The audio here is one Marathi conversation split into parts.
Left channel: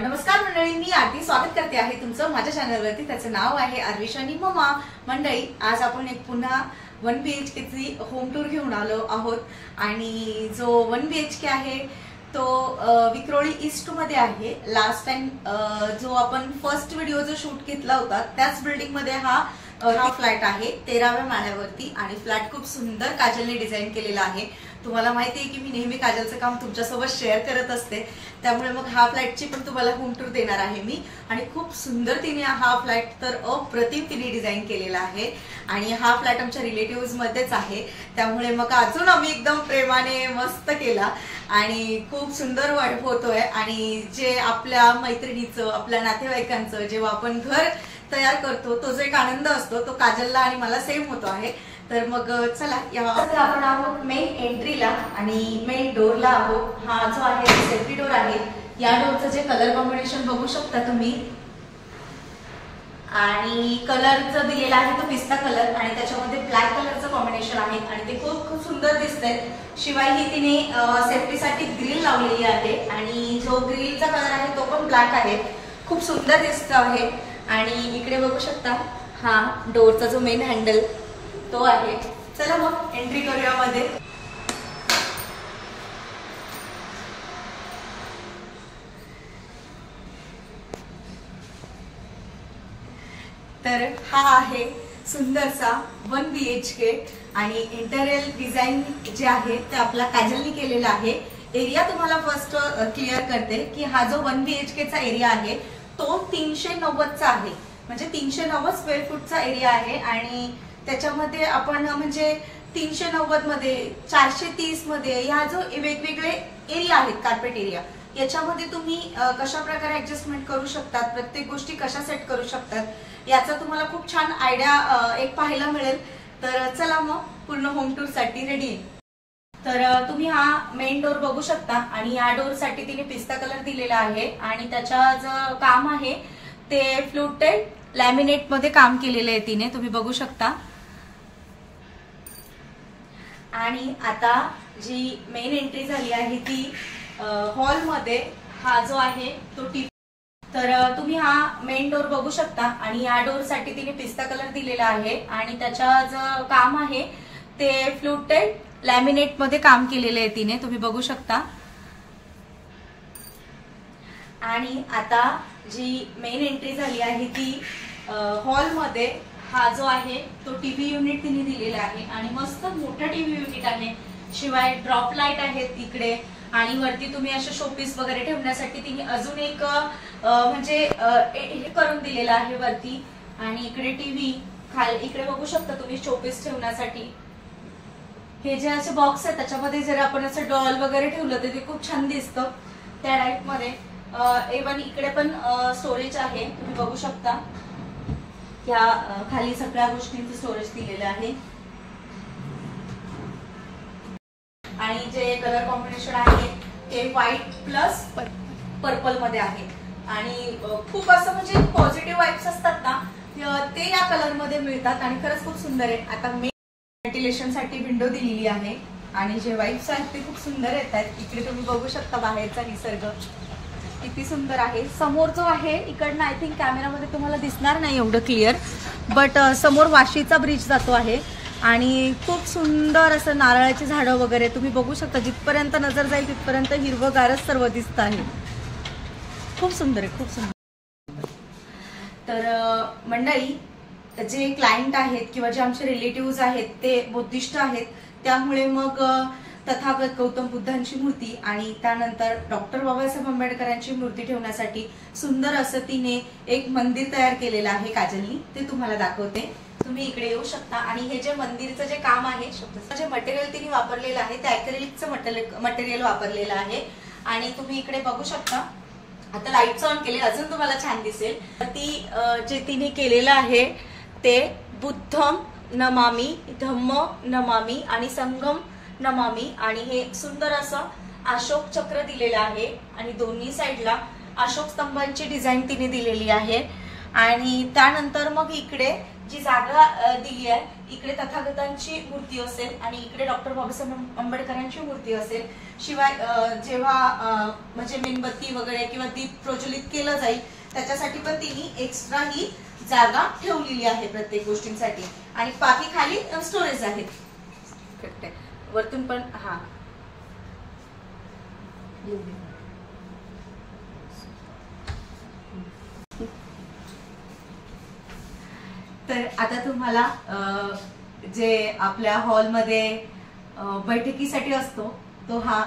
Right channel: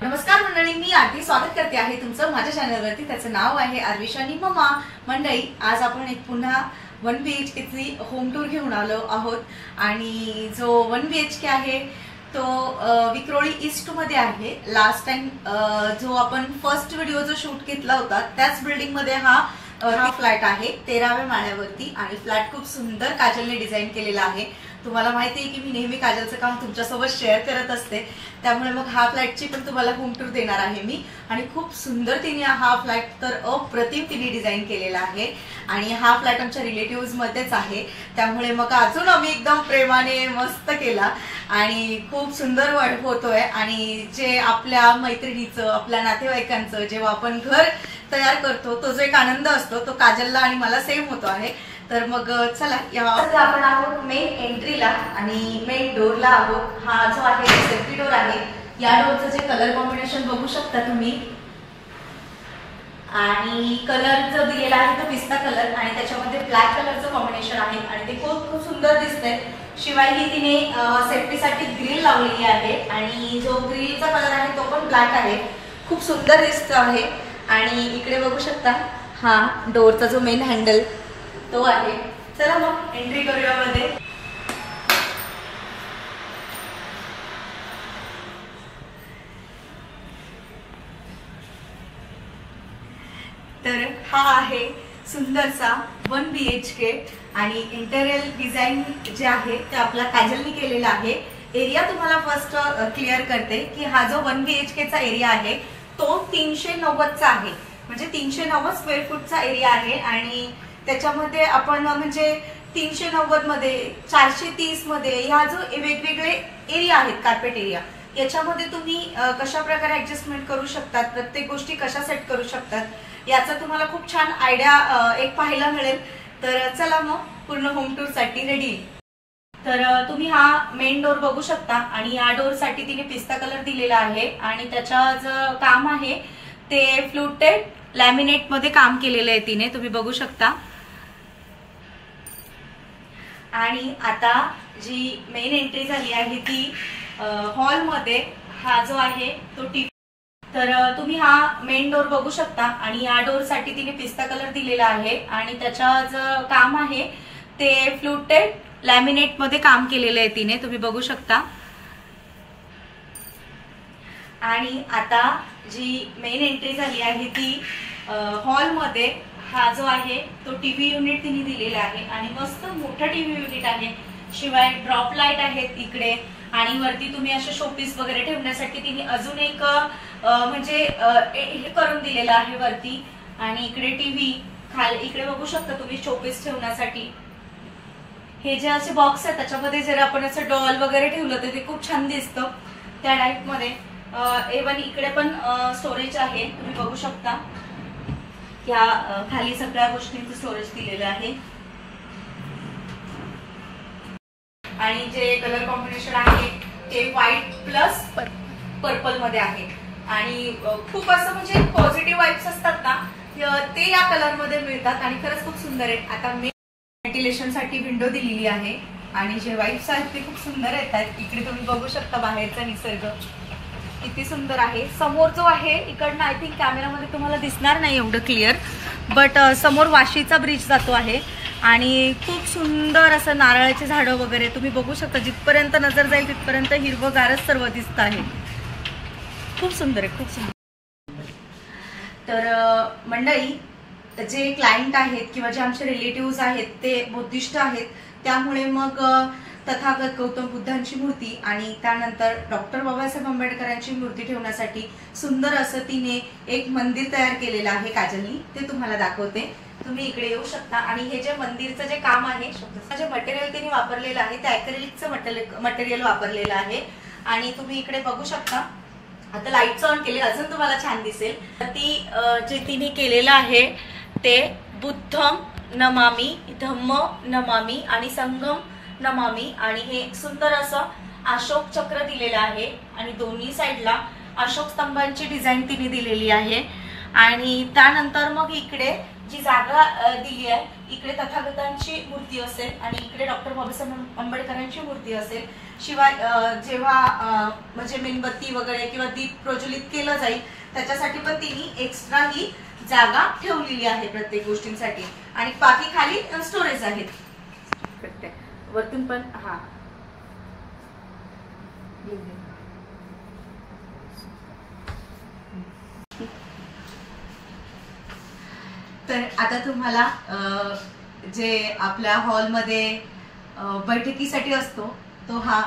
नमस्कार मंडळी, मी आरती स्वागत करते आहे तुमचं माझ्या चॅनलवरती. त्याचं नाव आहे आरविशानी मम्मा. मंडळी, आज आपण एक पुन्हा 1 BHK ची होम टूर घेऊन आलो आहोत आणि जो 1 BHK आहे तो विक्रोळी ईस्ट मध्ये आहे. लास्ट टाइम जो आपण फर्स्ट व्हिडिओ जो शूट घेतला होता त्याच बिल्डिंग मध्ये हा फ्लॅट आहे 13व्या माळ्यावरती आणि फ्लॅट खूप सुंदर काजलने डिझाईन केलेला आहे. तुम्हाला माहिती आहे की मी नेहमी काजलचं काम तुमच्यासोबत शेअर करत असते, त्यामुळे मग हा फ्लॅटची पण तुम्हाला होम टूर देणार आहे मी. आणि खूप सुंदर तिने हा फ्लॅट तर अप्रतिम तिने डिझाईन केलेला आहे आणि हा फ्लॅट आमच्या रिलेटिव्ह मध्येच आहे, त्यामुळे मग अजून आम्ही एकदम प्रेमाने मस्त केला आणि खूप सुंदर होतोय. आणि जे आपल्या मैत्रिणीचं आपल्या नातेवाईकांचं जेव्हा आपण घर तयार करतो तो जो एक आनंद असतो तो काजलला आणि मला सेम होतो आहे. तर मग चला आपण आहोत मेन एंट्रीला आणि मेन डोरला आहोत. हा जो आहे सेफ्टी डोर आहे. या डोरचं जे कलर कॉम्बिनेशन बघू शकता तुम्ही आणि कलर जो दिलेला आहे तो पिस्ता कलर आणि त्याच्यामध्ये ब्लॅक कलरचं कॉम्बिनेशन आहे आणि ते खूप खूप सुंदर दिसतंय. शिवाय ही तिने सेफ्टीसाठी ग्रिल लावलेली आहे आणि जो ग्रिलचा कलर आहे तो पण ब्लॅक आहे, खूप सुंदर दिसत आहे. आणि इकडे बघू शकता हा डोरचा जो मेन हँडल तो आहे. चला मग एंट्री करूया मध्ये. तर हा आहे सुंदरसा 1 BHK आणि इंटेरियर डिझाईन जे आहे ते आपला काजलनी केलेला आहे. एरिया तुम्हाला फर्स्ट क्लिअर करते की हा जो 1 BHK चा एरिया आहे तो 390चा आहे, म्हणजे 390 स्क्वेअर फूटचा एरिया आहे. आणि त्याच्यामध्ये आपण म्हणजे 390 मध्ये 430 मध्ये ह्या जो वेगवेगळे एरिया आहेत कार्पेट एरिया याच्यामध्ये तुम्ही कशा प्रकारे ऍडजस्टमेंट करू शकतात, प्रत्येक गोष्टी कशा सेट करू शकतात याचा तुम्हाला खूप छान आयडिया एक पाहायला मिळेल. तर चला मग पूर्ण होम टूर साठी रेडी. तर तुम्ही हा मेन डोर बघू शकता आणि या डोर साठी तिने पिस्ता कलर दिलेला आहे आणि त्याचा जो काम आहे ते फ्लुटेड लॅमिनेट मध्ये काम केलेलं आहे तिने, तुम्ही बघू शकता. आणि आता जी मेन एंट्री झाली आहे ती हॉलमध्ये. हा जो आहे तो टीव्ही. तर तुम्ही हा मेन डोर बघू शकता आणि या डोर साठी तिने पिस्ता कलर दिलेला आहे आणि त्याचा जो काम आहे ते फ्लुटेड लॅमिनेट मध्ये काम केलेलं आहे तिने, तुम्ही बघू शकता. आणि आता जी मेन एंट्री झाली आहे ती हॉलमध्ये. हा जो आहे तो टीव्ही युनिट तिने दिलेला आहे आणि मस्त मोठा टीव्ही युनिट आहे. शिवाय ड्रॉप लाईट आहेत इकडे आणि वरती तुम्ही असे शोपीस वगैरे ठेवण्यासाठी तिने अजून एक म्हणजे हे करून दिलेलं आहे वरती. आणि इकडे टीव्ही इकडे बघू शकता तुम्ही शोपीस ठेवण्यासाठी हे जे असे बॉक्स आहेत त्याच्यामध्ये जर आपण असं डॉल वगैरे ठेवलं तर ते खूप छान दिसतं त्या टाईप मध्ये. इव्हन इकडे पण स्टोरेज आहे, तुम्ही बघू शकता. या खाली सगळ्या गोष्टींचं स्टोरेज दिलेलं आहे. आणि जे कलर कॉम्बिनेशन आहे ते व्हाईट प्लस पर्पल मध्ये आहे आणि खूप असं म्हणजे पॉझिटिव्ह वाईब्स असतात ना ते या कलर मध्ये मिळतात आणि खरंच खूप सुंदर आहे. आता व्हेंटिलेशन साठी विंडो दिलेली आहे आणि जे वाईब्स आहेत ते खूप सुंदर येतात. इकडे तुम्ही बघू शकता बाहेरचा निसर्ग किती सुंदर आहे. समोर जो आहे इकडनं आय थिंक कॅमेरामध्ये तुम्हाला दिसणार नाही एवढं क्लिअर, बट समोर वाशीचा ब्रिज जातो आहे आणि खूप सुंदर असं नारळाची झाडं वगैरे तुम्ही बघू शकता. जिथपर्यंत नजर जाईल तिथपर्यंत हिरवगारच सर्व दिसत आहे. खूप सुंदर आहे, खूप सुंदर. तर मंडळी, जे क्लायंट आहेत किंवा जे आमचे रिलेटिव्ह आहेत ते बुद्धिस्ट आहेत, त्यामुळे मग तथागत गौतम बुद्धांची मूर्ती आणि त्यानंतर डॉक्टर बाबासाहेब आंबेडकरांची मूर्ती ठेवण्यासाठी सुंदर असं तिने एक मंदिर तयार केलेलं आहे काजलनी, ते तुम्हाला दाखवते. तुम्ही इकडे येऊ शकता. आणि हे जे मंदिरचं जे काम आहे जे मटेरियल तिने वापरलेलं आहे ते ॲक्रेलिकचं मटेरियल वापरलेलं आहे. आणि तुम्ही इकडे बघू शकता. आता लाईट्स ऑन केले अजून तुम्हाला छान दिसेल. ती जे तिने केलेलं आहे ते बुद्धम नमामी, धम्म नमामी आणि संगम नमामी आणि हे सुंदर असं अशोक चक्र दिलेलं आहे आणि दोन्ही साईडला अशोक स्तंभांची डिझाईन तिने दिलेली आहे. आणि त्यानंतर मग इकडे जी जागा दिली आहे इकडे तथागतांची मूर्ती असेल आणि इकडे डॉक्टर बाबासाहेब आंबेडकरांची मूर्ती असेल. शिवाय जेव्हा म्हणजे मेणबत्ती वगैरे किंवा दीप प्रज्वलित केलं जाईल त्याच्यासाठी पण तिने एक्स्ट्रा ही जागा ठेवलेली आहे प्रत्येक गोष्टींसाठी. आणि बाकी खाली स्टोरेज आहेत वरतून पण. हा तर आता तुम्हाला जे आपल्या हॉलमध्ये बैठकीसाठी असतो तो हा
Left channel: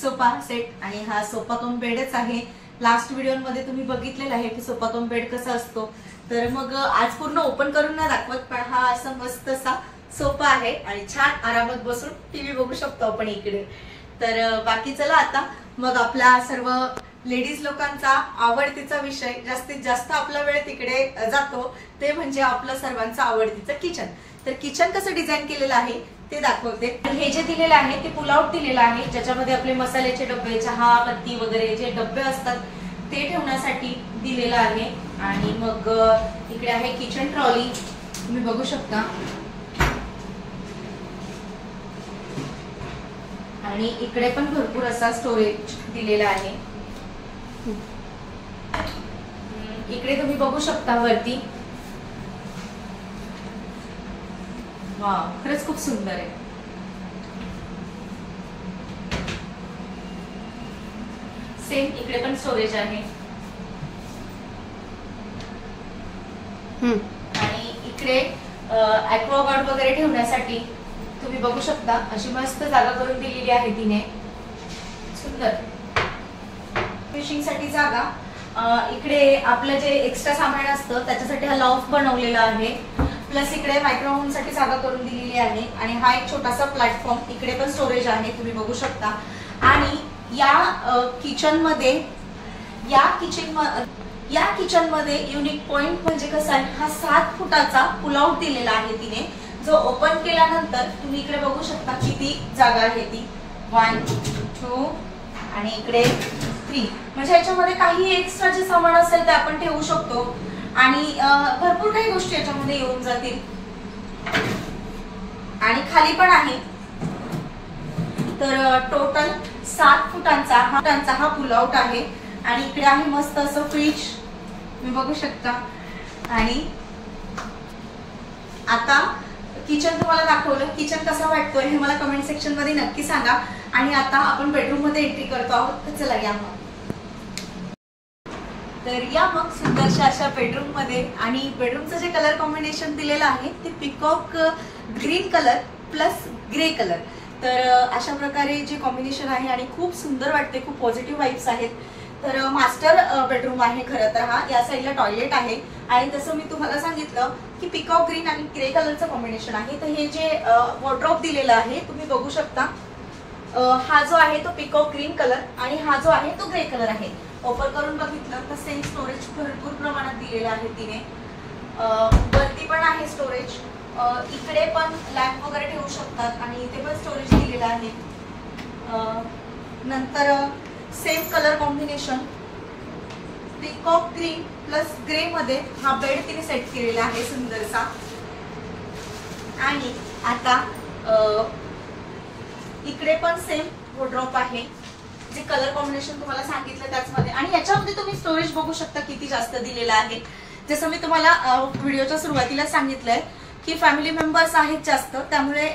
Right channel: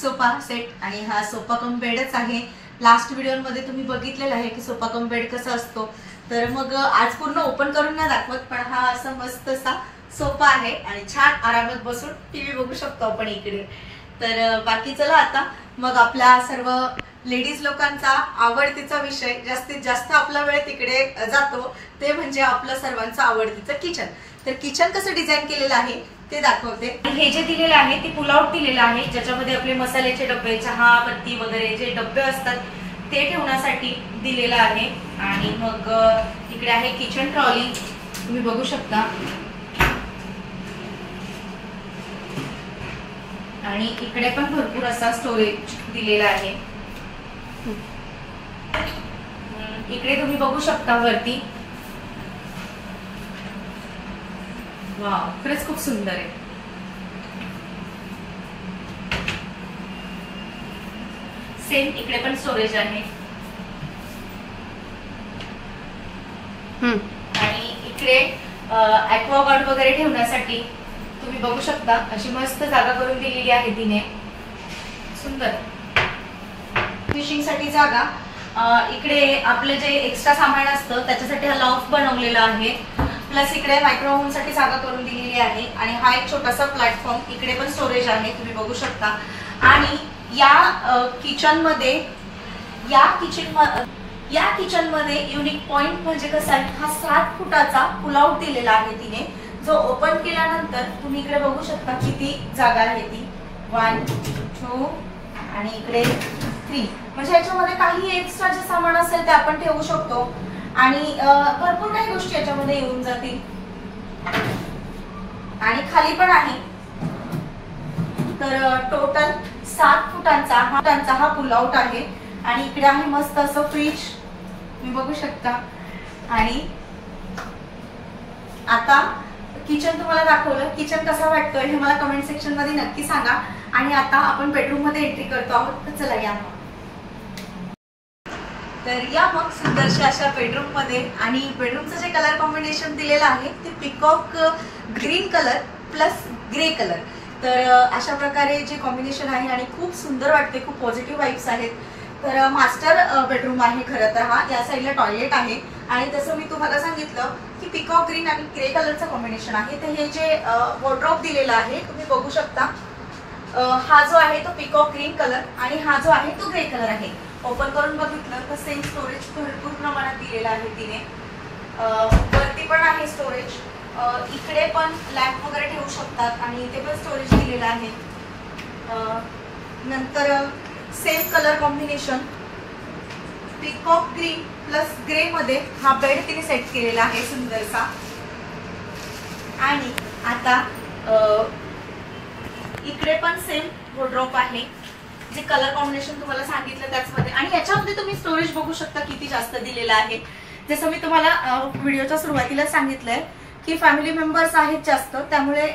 सोफा सेट आणि हा सोफा कम बेडच आहे. लास्ट व्हिडिओमध्ये तुम्ही बघितलेला आहे की सोफा कम बेड कसा असतो. तर मग आज पूर्ण ओपन करून नाही दाखवत, पण हा असा मस्त असा सोफा आहे आणि छान आरामात बसून टीव्ही बघू शकतो आपण इकडे. तर बाकी चला आता मग आपल्या सर्व लेडीज लोकांचा आवडतीचा विषय, जास्तीत जास्त आपला वेळ तिकडे जातो, ते म्हणजे आपलं सर्वांचं आवडतीचं किचन. तर किचन कसं डिझाईन केलेलं आहे ते दाखवते. हे जे दिलेलं आहे ते पुल आउट दिलेलं आहे, ज्याच्यामध्ये आपले मसाल्याचे डबे, चहा पत्ती वगैरे जे डबे असतात ते ठेवण्यासाठी दिलेलं आहे. आणि मग इकडे आहे किचन ट्रॉली, तुम्ही बघू शकता. आणि इकडे पण भरपूर असा स्टोरेज दिलेला आहे. इकडे तुम्ही बघू शकता वरती. वाव, खरंच खूप सुंदर आहे. सेम इकडे पण स्टोरेज आहे. आणि इकडे ॲक्वागार्ड वगैरे ठेवण्यासाठी तुम्ही बघू शकता अशी मस्त जागा करून दिलेली आहे तिने, सुंदर. फिशिंग साठी जागा. इकडे आपलं जे एक्स्ट्रा सामान असतं त्याच्यासाठी हा लॉफ्ट बनवलेला आहे. प्लस इकडे मायक्रोवेव्ह साठी जागा करून दिलेली आहे. आणि हा एक छोटासा प्लॅटफॉर्म, इकडे पण स्टोरेज आहे तुम्ही बघू शकता. आणि या किचन मध्ये युनिक पॉइंट म्हणजे कसं आहे, हा 7 फुटाचा पुल आउट दिलेला आहे तिने, जो ओपन केल्यानंतर तुम्ही इकडे बघू शकता किती जागा आहे ती. 1 2 आणि इकडे 3. म्हणजे याच्यामध्ये काही एक्स्ट्रा जे सामान असेल ते आपण ठेवू शकतो. आणि भरपूर काही गोष्टी याच्यामध्ये येऊन जातील. आणि खाली पण आहे. तर टोटल 7 फुटांचा हा पुल आउट आहे. आणि इकडे आहे मस्त असं फ्रीज, तुम्ही बघू शकता. आणि आता किचन तुम्हाला दाखवलं, किचन कसा वाटतोय हे मला कमेंट सेक्शन मध्ये नक्की सांगा. आणि आता आपण बेडरूम मध्ये एंट्री करतो आहोत. तर चला या मग. तर या मग सुंदरशा अशा बेडरूम मध्ये. आणि बेडरूमचं जे कलर कॉम्बिनेशन दिलेलं आहे ते peacock green colour plus grey colour. तर अशा प्रकारे जे कॉम्बिनेशन आहे आणि खूप सुंदर वाटते, खूप पॉझिटिव्ह वाईब्स आहेत. तर मास्टर बेडरूम आहे खरं तर हा. या साईडला टॉयलेट आहे. आणि तसं मी तुम्हाला सांगितलं की पिकॉक ग्रीन आणि ग्रे कलरचं कॉम्बिनेशन आहे. तर हे जे वॉर्डरोब दिलेलं आहे तुम्ही बघू शकता. हा जो आहे तो पिकॉक ग्रीन कलर आणि हा जो आहे तो ग्रे कलर आहे. ओपन करून बघितलं तर सेम स्टोरेज भरपूर प्रमाणात दिलेलं आहे तिने. वरती पण आहे स्टोरेज. इकडे पण लॅम्प वगैरे ठेवू शकतात आणि इथे पण स्टोरेज दिलेलं आहे. नंतर same colour combination peacock green plus grey मध्ये हा बेड तिने सेट केलेला आहे सुंदरसा. आणि आता इकडे पण सेम वॉर्डरोब आहे, जे कलर कॉम्बिनेशन तुम्हाला सांगितलं त्याचमध्ये. आणि याच्यामध्ये तुम्ही स्टोरेज बघू शकता किती जास्त दिलेलं आहे. जसं मी तुम्हाला व्हिडिओच्या सुरुवातीला सांगितलंय की फॅमिली मेंबर्स आहेत जास्त, त्यामुळे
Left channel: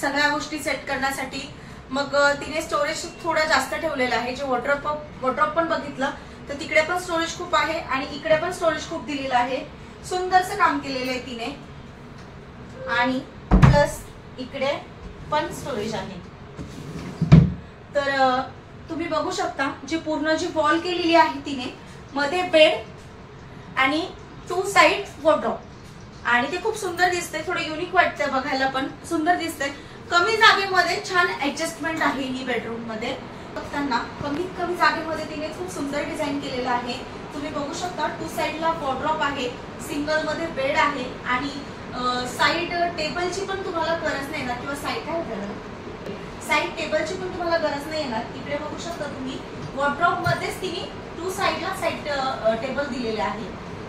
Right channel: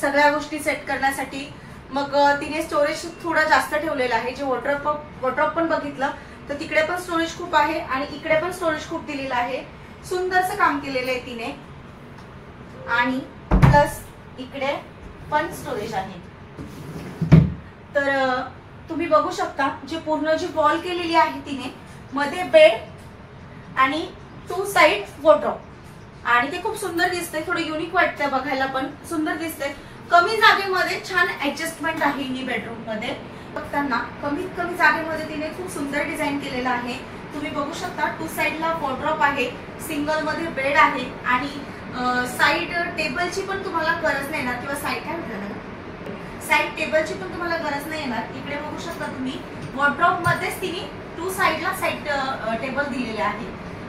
सगळ्या गोष्टी सेट करण्यासाठी मग तिने स्टोरेज थोडं जास्त ठेवलेलं आहे. जे वॉर्डरोब पण बघितलं तर तिकडे पण स्टोरेज खूप आहे आणि इकडे पण स्टोरेज खूप दिलेलं आहे. सुंदरचं काम केलेलं आहे तिने. आणि प्लस इकडे पण स्टोरेज आहे. तर तुम्ही बघू शकता जी पूर्ण जी वॉल केलेली आहे तिने, मध्ये बेड आणि 2 साइड वॉर्डरोब. आणि ते खूप सुंदर दिसतंय, थोडं युनिक वाटतंय बघायला, पण सुंदर दिसतंय. कमी जागेमध्ये छान ऍडजस्टमेंट आहे ही बेडरूम मध्ये. बघताना कमीत कमी जागेमध्ये तिने खूप सुंदर डिझाईन केलेलं आहे. तुम्ही बघू शकता 2 साइडला वॉर्डरोब आहे, सिंगल मध्ये बेड आहे. आणि साइड टेबलची पण तुम्हाला गरज नाही येणार, किंवा साइड काय होतं साइड टेबलची पण तुम्हाला गरज नाही येणार. इकडे बघू शकता तुम्ही वॉर्डरोब मध्येच तिने 2 साइडला साइड टेबल दिलेले आहे.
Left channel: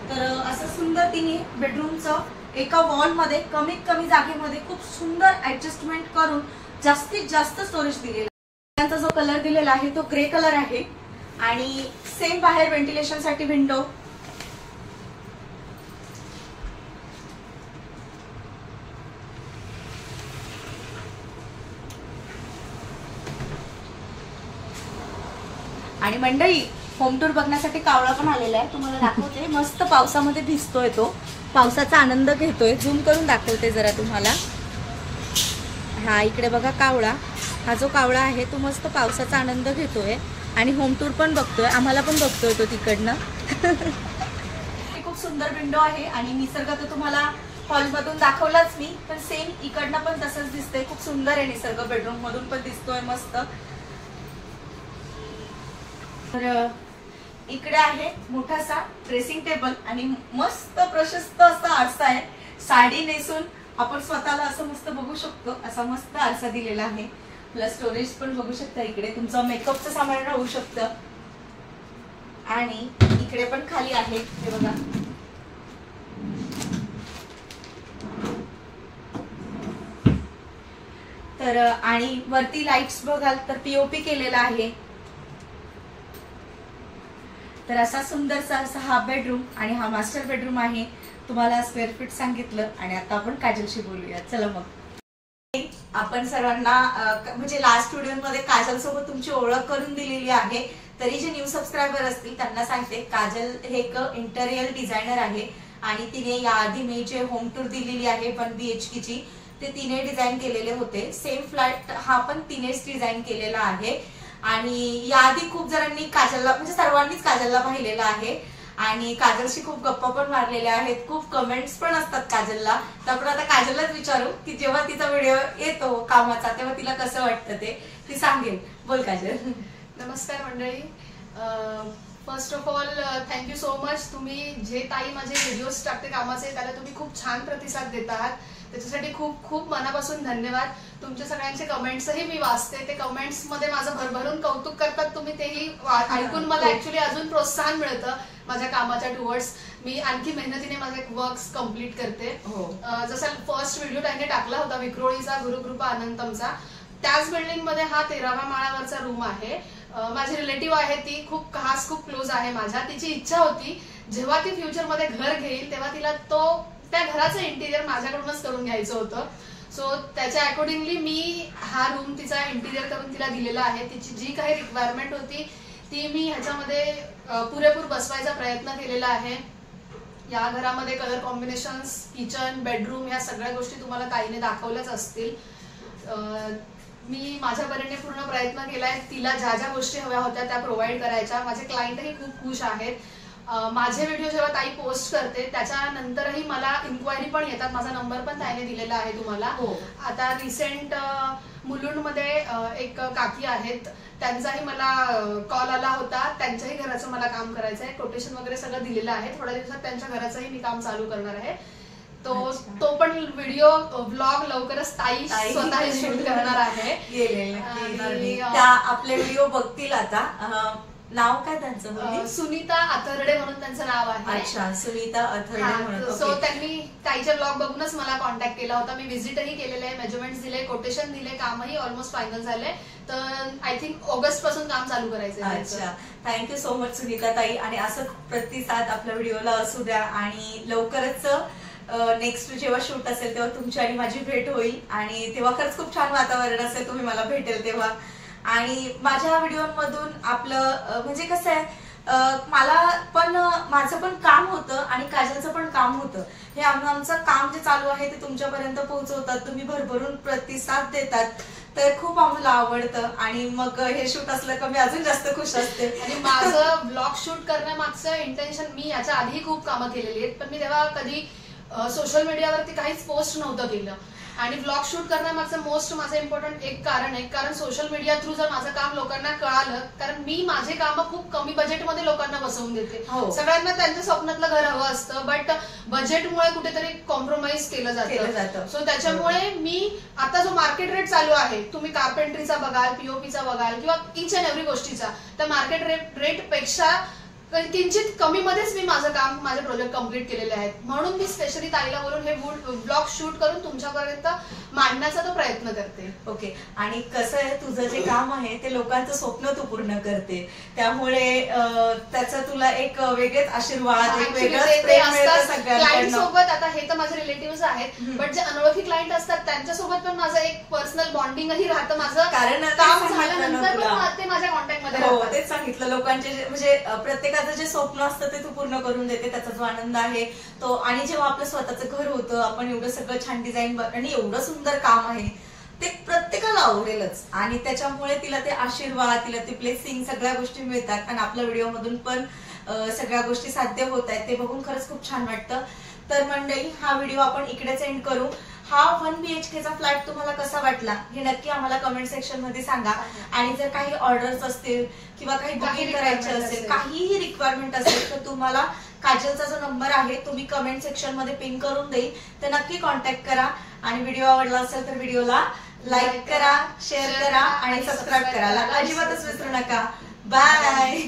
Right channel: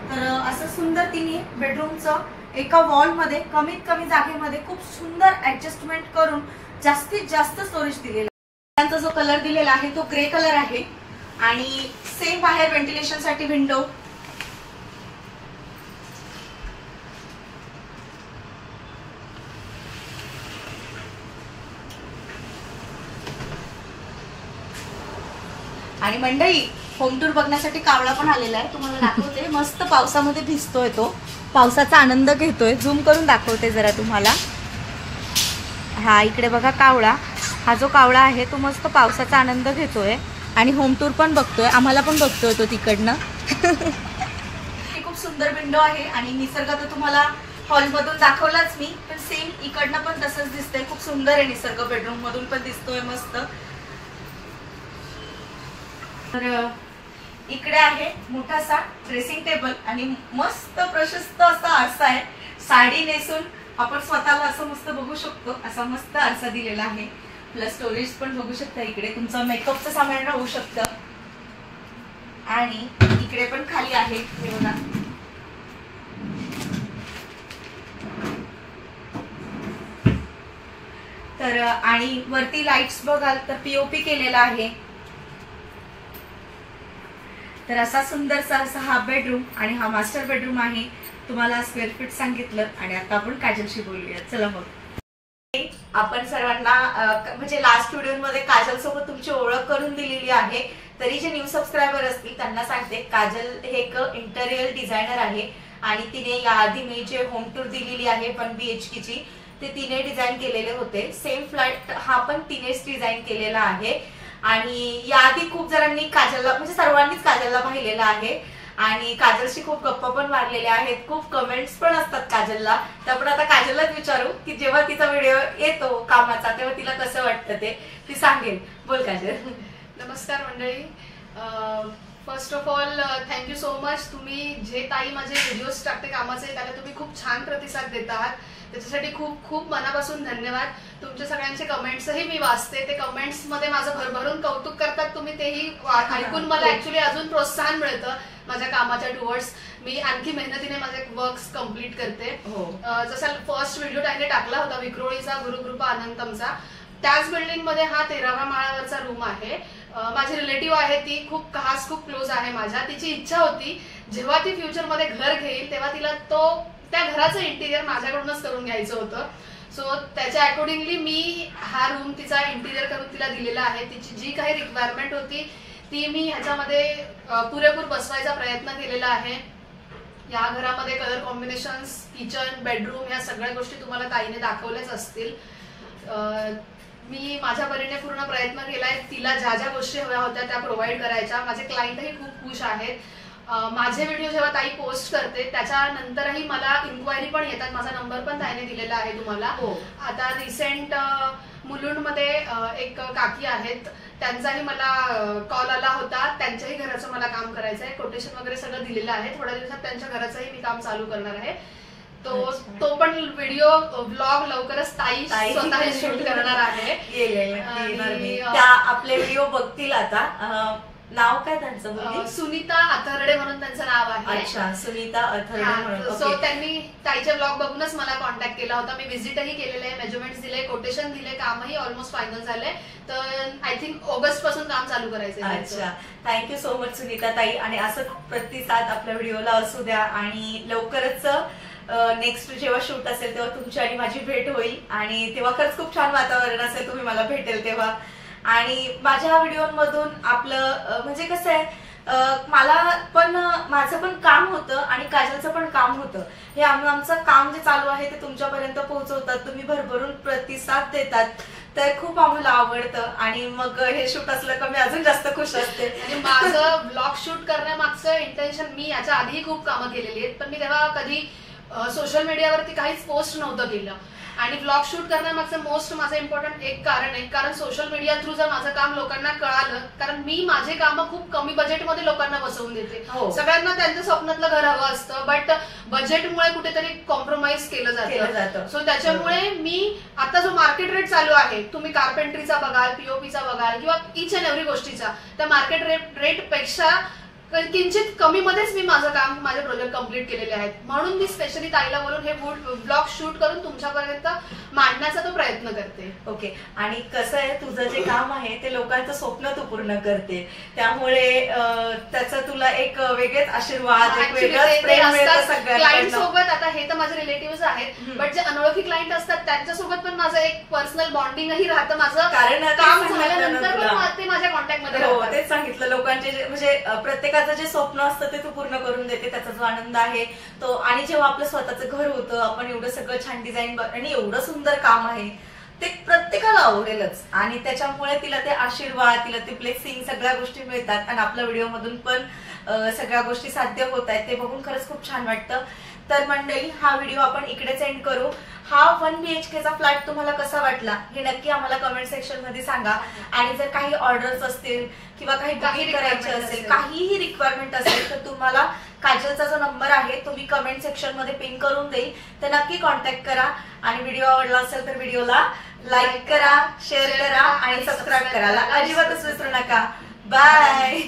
तर असं सुंदर तिने बेडरूमचं एका वॉल मध्ये कमीत कमी जागेमध्ये खूप सुंदर ऍडजस्टमेंट करून जास्तीत जास्त स्टोरेज दिलेलं जो कलर दिलेला आहे तो ग्रे कलर आहे आणि सेम बाहेर व्हेंटिलेशन साठी विंडो. आणि मंडळी होम टूर बघण्यासाठी कावळा पण आलेला आहे, तुम्हाला दाखवते. मस्त पावसामध्ये भिजतोय तो, पावसाचा आनंद घेतोय. झूम करून दाखवते जरा तुम्हाला. हा इकडे बघा कावळा, हा जो कावळा आहे तो मस्त पावसाचा आनंद घेतोय आणि होम टूर पण बघतोय, आम्हाला पण बघतोय तो तिकडनं. खूप सुंदर विंडो आहे आणि निसर्ग तर तुम्हाला हॉलमधून दाखवलाच मी, पण सेम इकडनं पण तसंच दिसतंय. खूप सुंदर आहे निसर्ग, बेडरूम मधून पण दिसतोय मस्त. तर इकडे आहे मोठासा ड्रेसिंग टेबल आणि मस्त प्रशस्त असा आरसा आहे. साडी नेसून आपण स्वतःला असं मस्त बघू शकतो, असा मस्त आरसा दिलेला आहे. प्लस स्टोरेज पण बघू शकता, इकडे तुमचं मेकअपचं सामान राहू शकतं. आणि इकडे पण खाली आहे, हे बघा. तर आणि वरती लाईट्स बघाल तर पीओपी केलेला आहे. तर असा सुंदरसा असा हा बेडरूम आणि हा मास्टर बेडरूम आहे. तुम्हाला स्क्वेअर फीट सांगितलं आणि आता आपण काजलशी बोलूया. चला मग. आपण सर्वांना म्हणजे लास्ट व्हिडिओमध्ये काजल सोबत तुमची ओळख करून दिलेली आहे. तरी जे न्यू सबस्क्रायबर असतील त्यांना सांगते, काजल हे एक इंटेरियर डिझायनर आहे आणि तिने याआधी मी जे होम टूर दिलेली आहे 1 BHK ची, ते तिने डिझाईन केलेले होते. सेम फ्लॅट हा पण तिनेच डिझाईन केलेला आहे. आणि याआधी खूप जणांनी काजलला, म्हणजे सर्वांनीच काजलला पाहिलेलं आहे आणि काजलशी खूप गप्पा पण मारलेल्या आहेत. खूप कमेंट्स पण असतात काजलला. त्यामुळे आता काजललाच विचारू की जेव्हा तिचा व्हिडिओ येतो कामाचा तेव्हा तिला कसं वाटतं ते ती सांगेल. बोल काजल. नमस्कार मंडळी. First of all thank you so much. तुम्ही जे ताई माझे व्हिडिओज टाकते कामाचे त्याला तुम्ही खूप छान प्रतिसाद देत आहात, त्याच्यासाठी खूप खूप मनापासून धन्यवाद. तुमच्या सगळ्यांचे कमेंट्सही मी वाचते, ते कमेंट्स मध्ये माझं भरभरून कौतुक करतात तुम्ही, तेही ऐकून मला ऍक्च्युली अजून प्रोत्साहन मिळतं माझ्या कामाच्या टुवर्ड्स. मी आणखी मेहनतीने माझे वर्क्स कम्प्लीट करते. जसा फर्स्ट व्हिडिओ त्यांनी टाकला होता विक्रोळीचा गुरुकृपा अनंतमचा, त्याच बिल्डिंग मध्ये हा 13व्या माळ्यावरचा रूम आहे. माझी रिलेटिव्ह आहे, ती खूप खास खूप क्लोज आहे माझ्या. तिची इच्छा होती जेव्हा ती फ्युचर मध्ये घर घेईल तेव्हा तिला त्या घराचं इंटिरियर माझ्याकडूनच करून घ्यायचं होतं. सो त्याच्या अकॉर्डिंगली मी हा रूम तिचा इंटिरियर करून तिला दिलेला आहे. तिची जी काही रिक्वायरमेंट होती ती मी ह्याच्यामध्ये पुरेपूर बसवायचा प्रयत्न केलेला आहे. या घरामध्ये कलर कॉम्बिनेशन्स, किचन, बेडरूम ह्या सगळ्या गोष्टी तुम्हाला ताईने दाखवल्याच असतील. मी माझ्या परीने पूर्ण प्रयत्न केलाय तिला ज्या ज्या गोष्टी हव्या होत्या त्या प्रोव्हाइड करायच्या. माझे क्लायंटही खूप खुश आहेत. माझे व्हिडिओ जेव्हा ताई पोस्ट करते त्याच्यानंतरही मला इन्क्वायरी पण येतात. माझा नंबर पण ताईने दिलेला आहे तुम्हाला. आता रिसेंट मुलुंडमध्ये एक काकी आहेत, त्यांचाही मला कॉल आला होता. त्यांच्याही घराचं मला काम करायचं आहे. कोटेशन वगैरे सगळं दिलेलं आहे. थोड्या दिवसात त्यांच्या घराचंही मी काम चालू करणार आहे. तो पण व्हिडिओ व्लॉग लवकरच ताई स्वतः शूट करणार आहे. आपले व्हिडिओ बघतील आता. नाव काय त्यांचं? सुनीता अथर्डे म्हणून त्यांचं नाव आहे. अच्छा, सुनीता अथर्डे म्हणून. सो त्यांनी ताईचे ब्लॉग बघूनच मला कॉन्टॅक्ट केला होता. मी व्हिजिटही केलेलं आहे, मेजरमेंट्स दिले, कोटेशन दिले, कामही ऑलमोस्ट फायनल झाले. तर आय थिंक ऑगस्ट पासून काम चालू करायचं. अच्छा, थँक्यू सो मच सुनीता ताई. आणि असं प्रतिसाद आपल्या व्हिडिओला असू द्या आणि लवकरच नेक्स्ट जेव्हा शूट असेल तेव्हा तुमची आणि माझी भेट होईल आणि तेव्हा खरंच खूप छान वातावरण असेल, तुम्ही मला भेटेल तेव्हा. आणि माझ्या व्हिडिओमधून आपलं म्हणजे कसं आहे, मला पण माझं पण काम होतं आणि काजलचं पण काम होतं. हे आमचं काम जे चालू आहे ते तुमच्यापर्यंत पोहोचवतात, तुम्ही भरभरून प्रतिसाद देतात, तर खूप आम्हाला आवडतं. आणि मग हे शूट असलं का मी अजून जास्त खुश असते. आणि माझं ब्लॉग शूट करण्यामागचं इंटेन्शन, मी याच्या आधीही खूप कामं केलेली आहेत पण मी तेव्हा कधी सोशल मीडियावरती काहीच पोस्ट नव्हतं केलं. आणि ब्लॉग शूट करण्यामागचं मोस्ट माझं इम्पॉर्टंट एक कारण आहे, कारण सोशल मीडिया थ्रू जर माझं काम लोकांना कळालं, कारण मी माझे काम खूप कमी बजेटमध्ये लोकांना बसवून देते. सगळ्यांना त्यांच्या स्वप्नातलं घर हवं असतं, बट बजेटमुळे कुठेतरी कॉम्प्रोमाइज केलं जातं. सो त्याच्यामुळे मी आता जो मार्केट रेट चालू आहे, तुम्ही कार्पेंट्रीचा बघाल, पीओपीचा बघाल किंवा इच अँड एव्हरी गोष्टीचा, त्या मार्केट रेट पेक्षा किंचित कमी मध्येच मी माझं काम, माझे प्रोजेक्ट कम्प्लीट केलेले आहेत. म्हणून मी स्पेशली ताईला बोलून हे ब्लॉग शूट करून तुमच्यापर्यंत मांडण्याचा तो प्रयत्न करते. ओके. आणि कसं आहे, तुझं जे काम आहे ते लोकांचं स्वप्न तू पूर्ण करते, त्यामुळे त्याचा तुला एक वेगळेच आशीर्वाद, एक वेगळंच प्रेम मिळतं सगळ्यांना. क्लायंट सोबत, आता हे तर माझे रिलेटिव्ह आहेत, बट जे अनोळखी क्लायंट असतात त्यांच्यासोबत पण माझं एक पर्सनल बॉन्डिंगही राहतं. माझं कारण काम झाल्यानंतर पण ते माझ्या कॉन्टॅक्ट मध्ये राहतात. तेच सांगितलं, लोकांचे म्हणजे प्रत्येकाचं जे स्वप्न असतं ते तू पूर्ण करून देते, त्याचा जो आनंद आहे तो. आणि जेव्हा आपलं स्वतःचं घर होतं, आपण एवढं सगळं छान डिझाईन आणि एवढं सुंदर काम आहे ते प्रत्येकाला आवडेलच. आणि त्याच्यामुळे तिला ते आशीर्वाद, तिला ते ब्लेसिंग, सगळ्या गोष्टी मिळतात. आणि आपल्या व्हिडिओ मधून पण सगळ्या गोष्टी साध्य होत आहेत, ते बघून खरंच खूप छान वाटतं. तर मंडळी, हा व्हिडिओ आपण इकडेच एंड करू. हा 1 BHK चा फ्लॅट तुम्हाला कसा वाटला हे नक्की आम्हाला कमेंट सेक्शन मध्ये सांगा. आणि जर काही ऑर्डर्स असतील किंवा काही बुकिंग करायचे असेल, काहीही रिक्वायरमेंट असेल, तर तुम्हाला काजलचा जो नंबर आहे तो मी कमेंट सेक्शन मध्ये पिन करून देईल, तर नक्की कॉन्टॅक्ट करा. आणि व्हिडिओ आवडला असेल तर व्हिडिओला लाईक करा, शेअर करा आणि सबस्क्राईब करायला अजिबातच विसरू नका. बाय.